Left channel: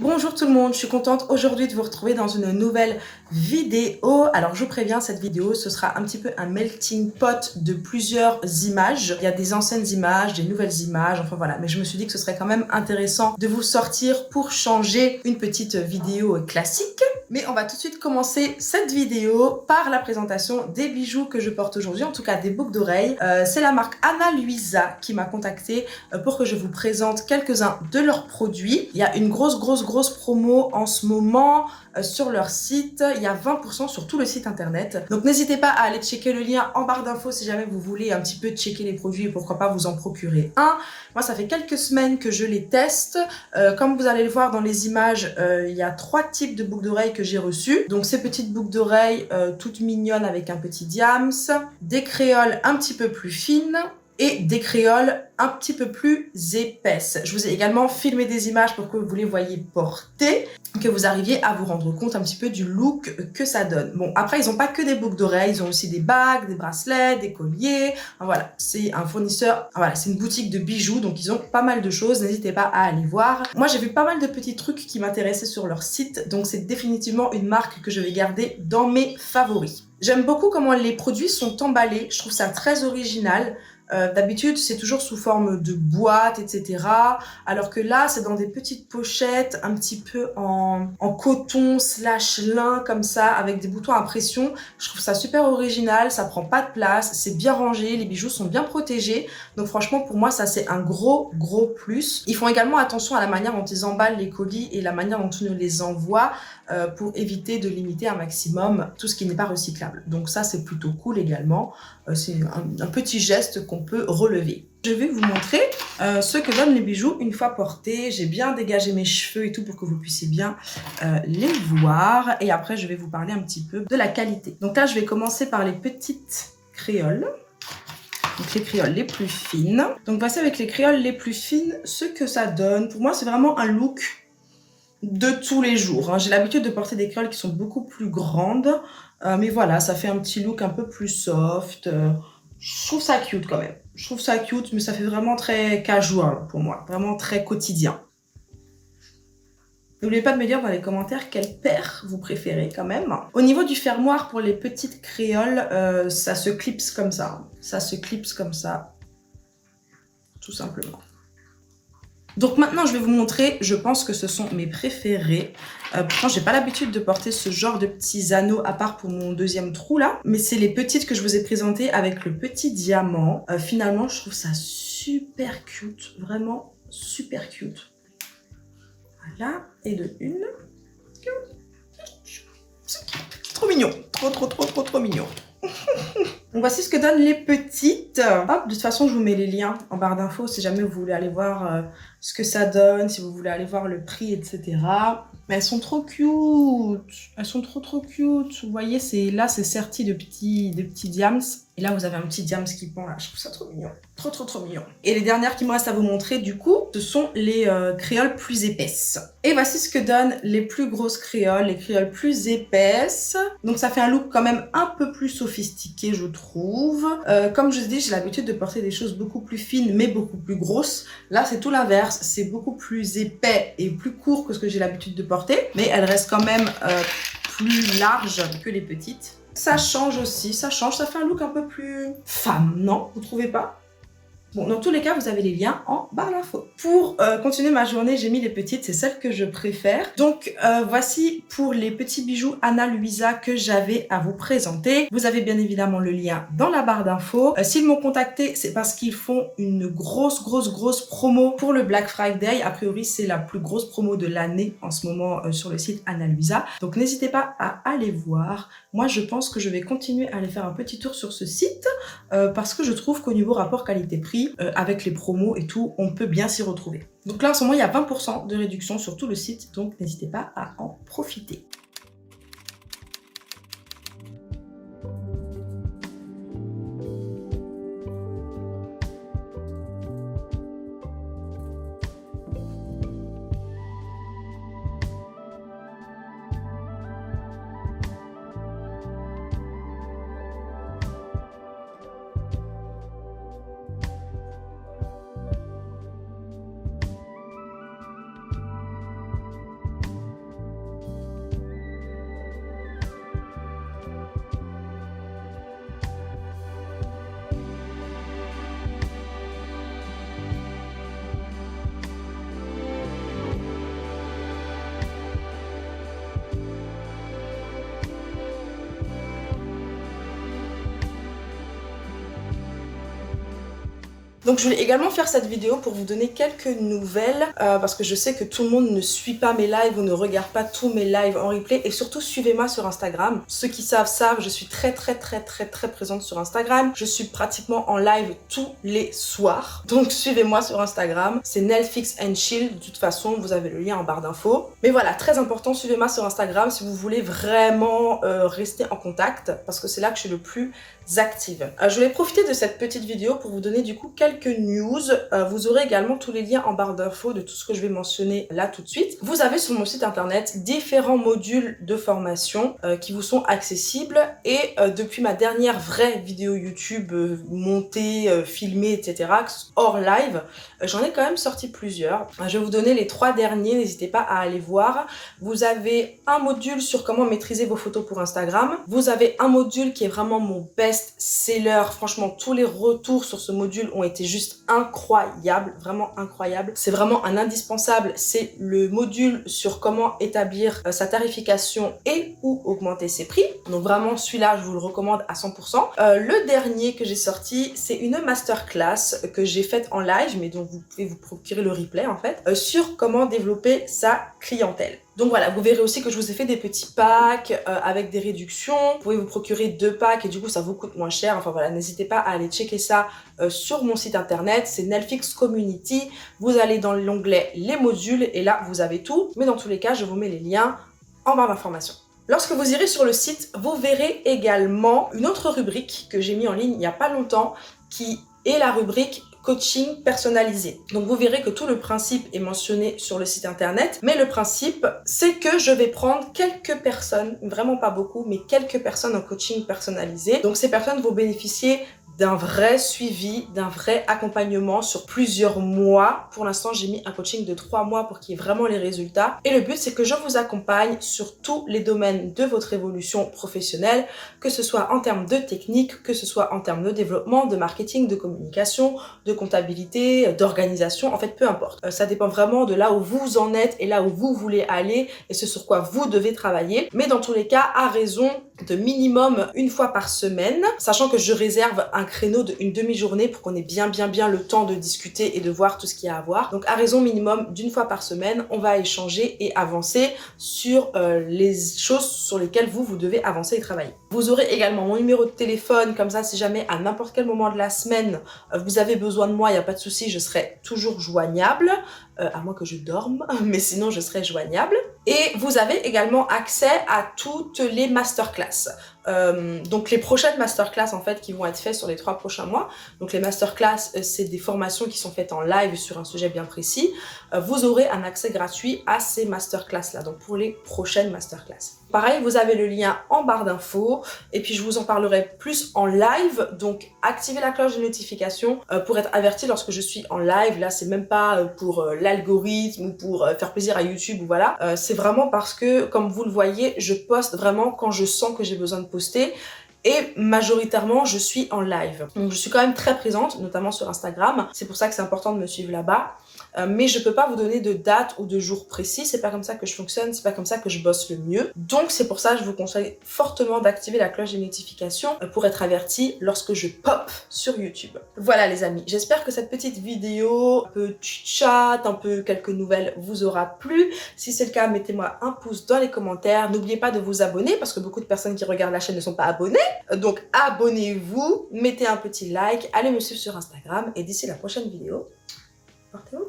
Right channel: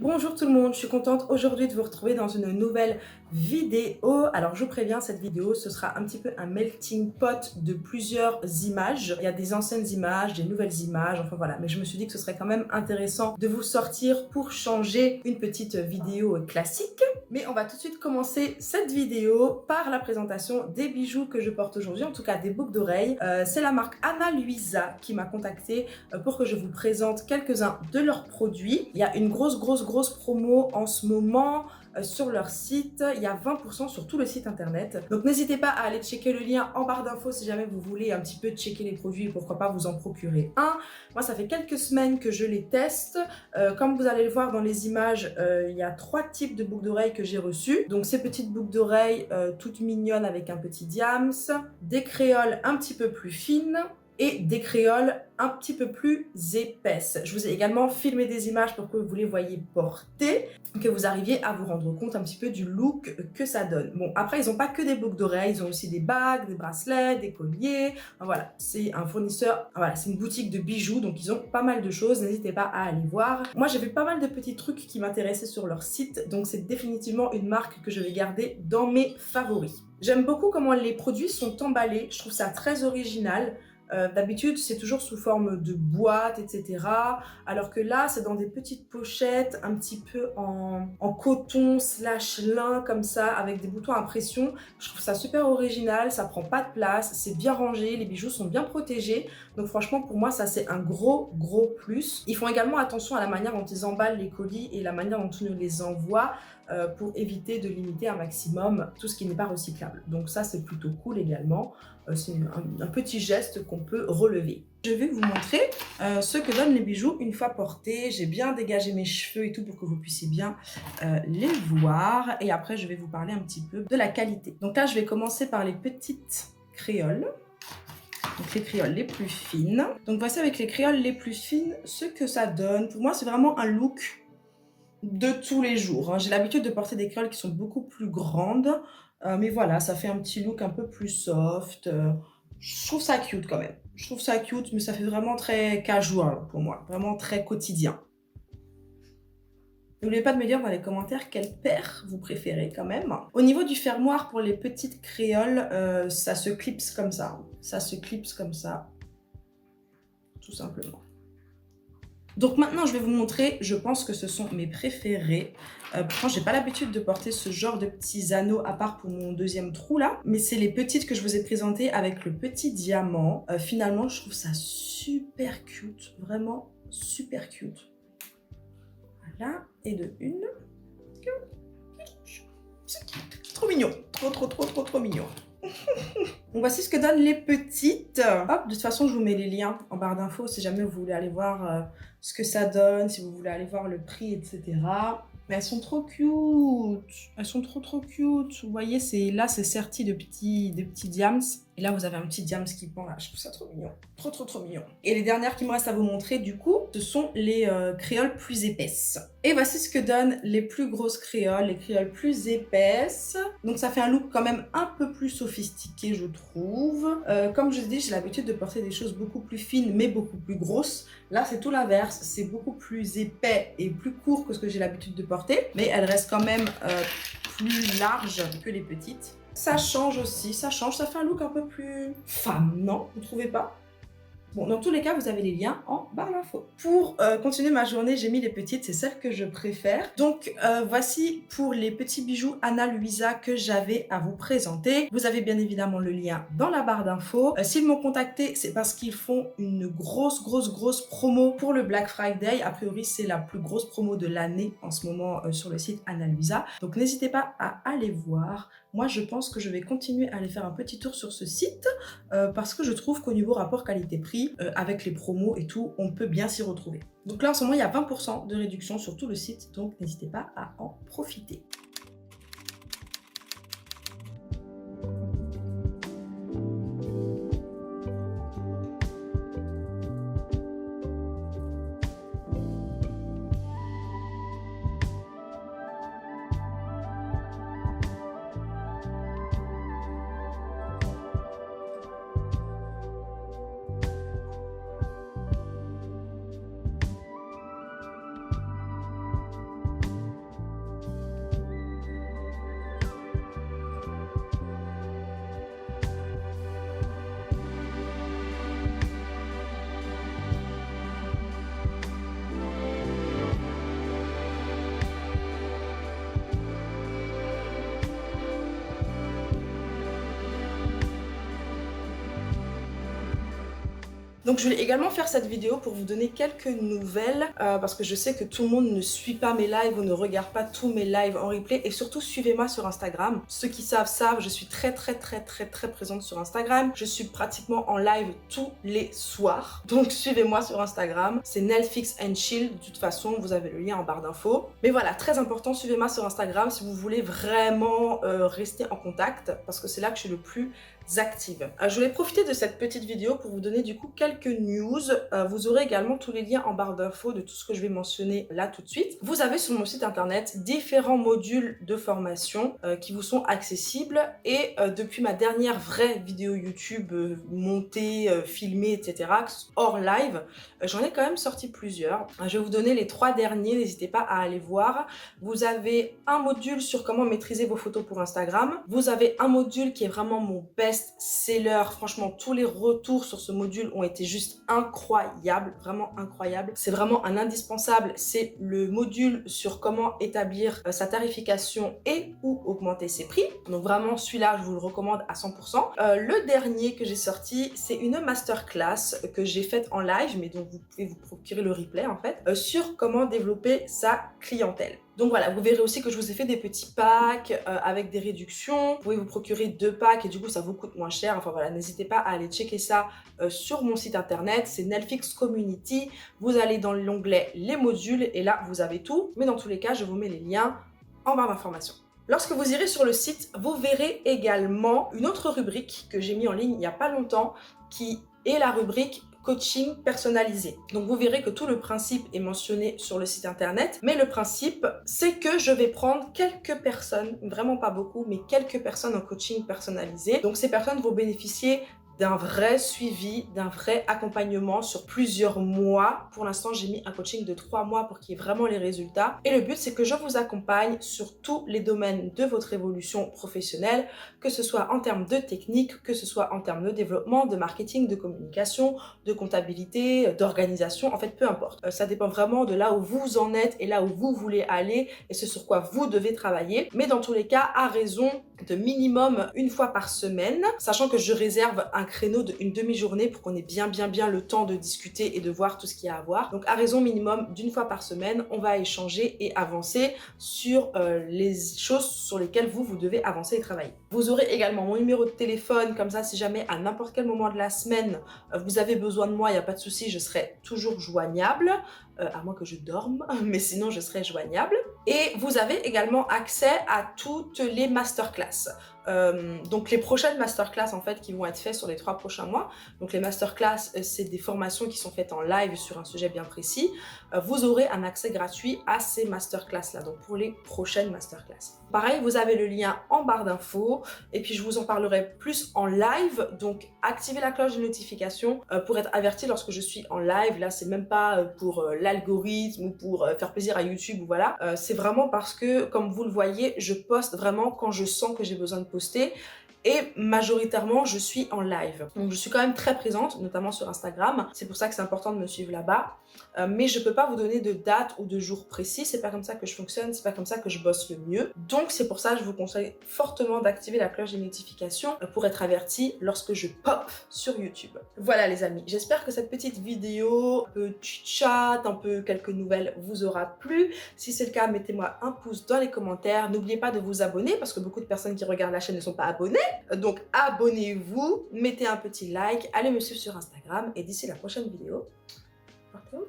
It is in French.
Bonjour tout le monde, je suis contente aujourd'hui de vous retrouver dans une nouvelle vidéo. Alors je vous préviens, cette vidéo, ce sera un petit peu un melting pot de plusieurs images. Il y a des anciennes images, des nouvelles images, enfin voilà. Mais je me suis dit que ce serait quand même intéressant de vous sortir pour changer une petite vidéo classique. Mais on va tout de suite commencer cette vidéo par la présentation des bijoux que je porte aujourd'hui, en tout cas des boucles d'oreilles. C'est la marque Ana Luisa qui m'a contactée pour que je vous présente quelques-uns de leurs produits. Il y a une grosse promo en ce moment sur leur site. Il y a 20% sur tout le site internet. Donc n'hésitez pas à aller checker le lien en barre d'infos si jamais vous voulez un petit peu checker les produits et pourquoi pas vous en procurer un. Moi, ça fait quelques semaines que je les teste. Comme vous allez le voir dans les images, il y a 3 types de boucles d'oreilles que j'ai reçues. Donc ces petites boucles d'oreilles toutes mignonnes avec un petit diams, des créoles un petit peu plus fines, et des créoles un petit peu plus épaisses. Je vous ai également filmé des images pour que vous les voyez porter, que vous arriviez à vous rendre compte un petit peu du look que ça donne. Bon, après, ils n'ont pas que des boucles d'oreilles, ils ont aussi des bagues, des bracelets, des colliers. Voilà, c'est un fournisseur, voilà, c'est une boutique de bijoux, donc ils ont pas mal de choses, n'hésitez pas à aller voir. Moi, j'ai vu pas mal de petits trucs qui m'intéressaient sur leur site, donc c'est définitivement une marque que je vais garder dans mes favoris. J'aime beaucoup comment les produits sont emballés, je trouve ça très original. D'habitude, c'est toujours sous forme de boîte, etc. Alors que là, c'est dans des petites pochettes, un petit peu en coton slash lin, comme ça, avec des boutons à pression. Je trouve ça super original, ça prend pas de place, c'est bien rangé, les bijoux sont bien protégés. Donc franchement, pour moi, ça, c'est un gros plus. Ils font également attention à la manière dont ils emballent les colis et la manière dont ils nous les envoient pour éviter de limiter un maximum tout ce qui n'est pas recyclable. Donc ça, c'est plutôt cool également. C'est un petit geste qu'on peut relever. Je vais vous montrer ce que donnent les bijoux une fois portés. J'ai bien dégagé mes cheveux et tout pour que vous puissiez bien les voir. Et après, je vais vous parler un petit peu de la qualité. Donc là, je vais commencer par les petites créoles. Donc les créoles les plus fines. Donc voici avec les créoles les plus fines ce que ça donne. Pour moi, c'est vraiment un look de tous les jours. Hein. J'ai l'habitude de porter des créoles qui sont beaucoup plus grandes. Mais voilà, ça fait un petit look un peu plus soft. Je trouve ça cute quand même. Je trouve ça cute, mais ça fait vraiment très casual pour moi. Vraiment très quotidien. N'oubliez pas de me dire dans les commentaires quelle paire vous préférez quand même. Au niveau du fermoir pour les petites créoles, ça se clipse comme ça. Ça se clipse comme ça, tout simplement. Donc maintenant, je vais vous montrer, je pense que ce sont mes préférés. Pourtant, j'ai pas l'habitude de porter ce genre de petits anneaux, à part pour mon deuxième trou là. Mais c'est les petites que je vous ai présentées avec le petit diamant. Finalement, je trouve ça super cute. Vraiment super cute. Voilà, et de une. Trop mignon. Trop mignon. Donc voici ce que donnent les petites. Hop, de toute façon, je vous mets les liens en barre d'infos si jamais vous voulez aller voir ce que ça donne, si vous voulez aller voir le prix, etc. Mais elles sont trop cute. Elles sont trop cute. Vous voyez, là, c'est serti de petits diams. Et là, vous avez un petit diams qui pend là. Je trouve ça trop mignon. Trop mignon. Et les dernières qui me restent à vous montrer, du coup, ce sont les créoles plus épaisses. Et voici ce que donnent les plus grosses créoles, les créoles plus épaisses. Donc ça fait un look quand même un peu plus sophistiqué, je trouve. Comme je vous dis, j'ai l'habitude de porter des choses beaucoup plus fines, mais beaucoup plus grosses. Là, c'est tout l'inverse. C'est beaucoup plus épais et plus court que ce que j'ai l'habitude de porter. Mais elles restent quand même plus larges que les petites. Ça change aussi, ça change. Ça fait un look un peu plus femme, non? Vous trouvez pas? Bon, dans tous les cas, vous avez les liens en barre d'infos. Pour continuer ma journée, j'ai mis les petites, c'est celles que je préfère. Donc, voici pour les petits bijoux Ana Luisa que j'avais à vous présenter. Vous avez bien évidemment le lien dans la barre d'infos. S'ils m'ont contacté, c'est parce qu'ils font une grosse promo pour le Black Friday. A priori, c'est la plus grosse promo de l'année en ce moment sur le site Ana Luisa. Donc, n'hésitez pas à aller voir. Moi, je pense que je vais continuer à aller faire un petit tour sur ce site parce que je trouve qu'au niveau rapport qualité-prix, avec les promos et tout, on peut bien s'y retrouver. Donc là, en ce moment, il y a 20% de réduction sur tout le site, donc n'hésitez pas à en profiter. Donc je voulais également faire cette vidéo pour vous donner quelques nouvelles parce que je sais que tout le monde ne suit pas mes lives ou ne regarde pas tous mes lives en replay, et surtout suivez-moi sur Instagram. Ceux qui savent, je suis très présente sur Instagram. Je suis pratiquement en live tous les soirs. Donc suivez-moi sur Instagram. C'est Nailfix and Chill. De toute façon, vous avez le lien en barre d'infos. Mais voilà, très important, suivez-moi sur Instagram si vous voulez vraiment rester en contact parce que c'est là que je suis le plus active. Je voulais profiter de cette petite vidéo pour vous donner du coup quelques news. Vous aurez également tous les liens en barre d'infos de tout ce que je vais mentionner là tout de suite. Vous avez sur mon site internet différents modules de formation qui vous sont accessibles, et depuis ma dernière vraie vidéo YouTube montée, filmée, etc. hors live, j'en ai quand même sorti plusieurs. Je vais vous donner les 3 derniers, n'hésitez pas à aller voir. Vous avez un module sur comment maîtriser vos photos pour Instagram. Vous avez un module qui est vraiment mon best-seller. Franchement, tous les retours sur ce module ont été juste incroyables, vraiment incroyables. C'est vraiment un indispensable. C'est le module sur comment établir sa tarification et ou augmenter ses prix. Donc vraiment, celui-là, je vous le recommande à 100%. Le dernier que j'ai sorti, c'est une masterclass que j'ai faite en live, mais dont vous pouvez vous procurer le replay en fait, sur comment développer sa clientèle. Donc voilà, vous verrez aussi que je vous ai fait des petits packs avec des réductions. Vous pouvez vous procurer 2 packs et du coup ça vous coûte moins cher. Enfin voilà, n'hésitez pas à aller checker ça sur mon site internet. C'est Nailfix Community. Vous allez dans l'onglet les modules et là vous avez tout. Mais dans tous les cas, je vous mets les liens en barre d'informations. Lorsque vous irez sur le site, vous verrez également une autre rubrique que j'ai mis en ligne il n'y a pas longtemps qui est la rubrique coaching personnalisé. Donc vous verrez que tout le principe est mentionné sur le site internet, mais le principe c'est que je vais prendre quelques personnes, vraiment pas beaucoup, mais quelques personnes en coaching personnalisé. Donc ces personnes vont bénéficier d'un vrai suivi, d'un vrai accompagnement sur plusieurs mois. Pour l'instant, j'ai mis un coaching de 3 mois pour qu'il y ait vraiment les résultats. Et le but, c'est que je vous accompagne sur tous les domaines de votre évolution professionnelle, que ce soit en termes de technique, que ce soit en termes de développement, de marketing, de communication, de comptabilité, d'organisation, en fait, peu importe. Ça dépend vraiment de là où vous en êtes et là où vous voulez aller et ce sur quoi vous devez travailler. Mais dans tous les cas, à raison de minimum 1 fois par semaine, sachant que je réserve un créneau d'une demi-journée pour qu'on ait bien le temps de discuter et de voir tout ce qu'il y a à voir. Donc à raison minimum d'1 fois par semaine, on va échanger et avancer sur les choses sur lesquelles vous devez avancer et travailler. Vous aurez également mon numéro de téléphone, comme ça si jamais à n'importe quel moment de la semaine vous avez besoin de moi, il n'y a pas de souci, je serai toujours joignable, à moins que je dorme, mais sinon je serai joignable. Et vous avez également accès à toutes les masterclass. Donc les prochaines masterclass en fait qui vont être faites sur les 3 prochains mois. Donc les masterclass, c'est des formations qui sont faites en live sur un sujet bien précis. Vous aurez un accès gratuit à ces masterclass là, donc pour les prochaines masterclass. Pareil, vous avez le lien en barre d'infos et puis je vous en parlerai plus en live. Donc activez la cloche de notification pour être averti lorsque je suis en live. Là, c'est même pas pour l'algorithme ou pour faire plaisir à YouTube ou voilà. C'est vraiment parce que, comme vous le voyez, je poste vraiment quand je sens que j'ai besoin de poster. Et majoritairement, je suis en live. Donc, je suis quand même très présente, notamment sur Instagram. C'est pour ça que c'est important de me suivre là-bas. Mais je peux pas vous donner de date ou de jour précis. C'est pas comme ça que je fonctionne. C'est pas comme ça que je bosse le mieux. Donc, c'est pour ça que je vous conseille fortement d'activer la cloche des notifications pour être averti lorsque je pop sur YouTube. Voilà, les amis. J'espère que cette petite vidéo, un peu chat, un peu quelques nouvelles, vous aura plu. Si c'est le cas, mettez-moi un pouce dans les commentaires. N'oubliez pas de vous abonner parce que beaucoup de personnes qui regardent la chaîne ne sont pas abonnées. Donc abonnez-vous, mettez un petit like, allez me suivre sur Instagram et d'ici la prochaine vidéo, portez-vous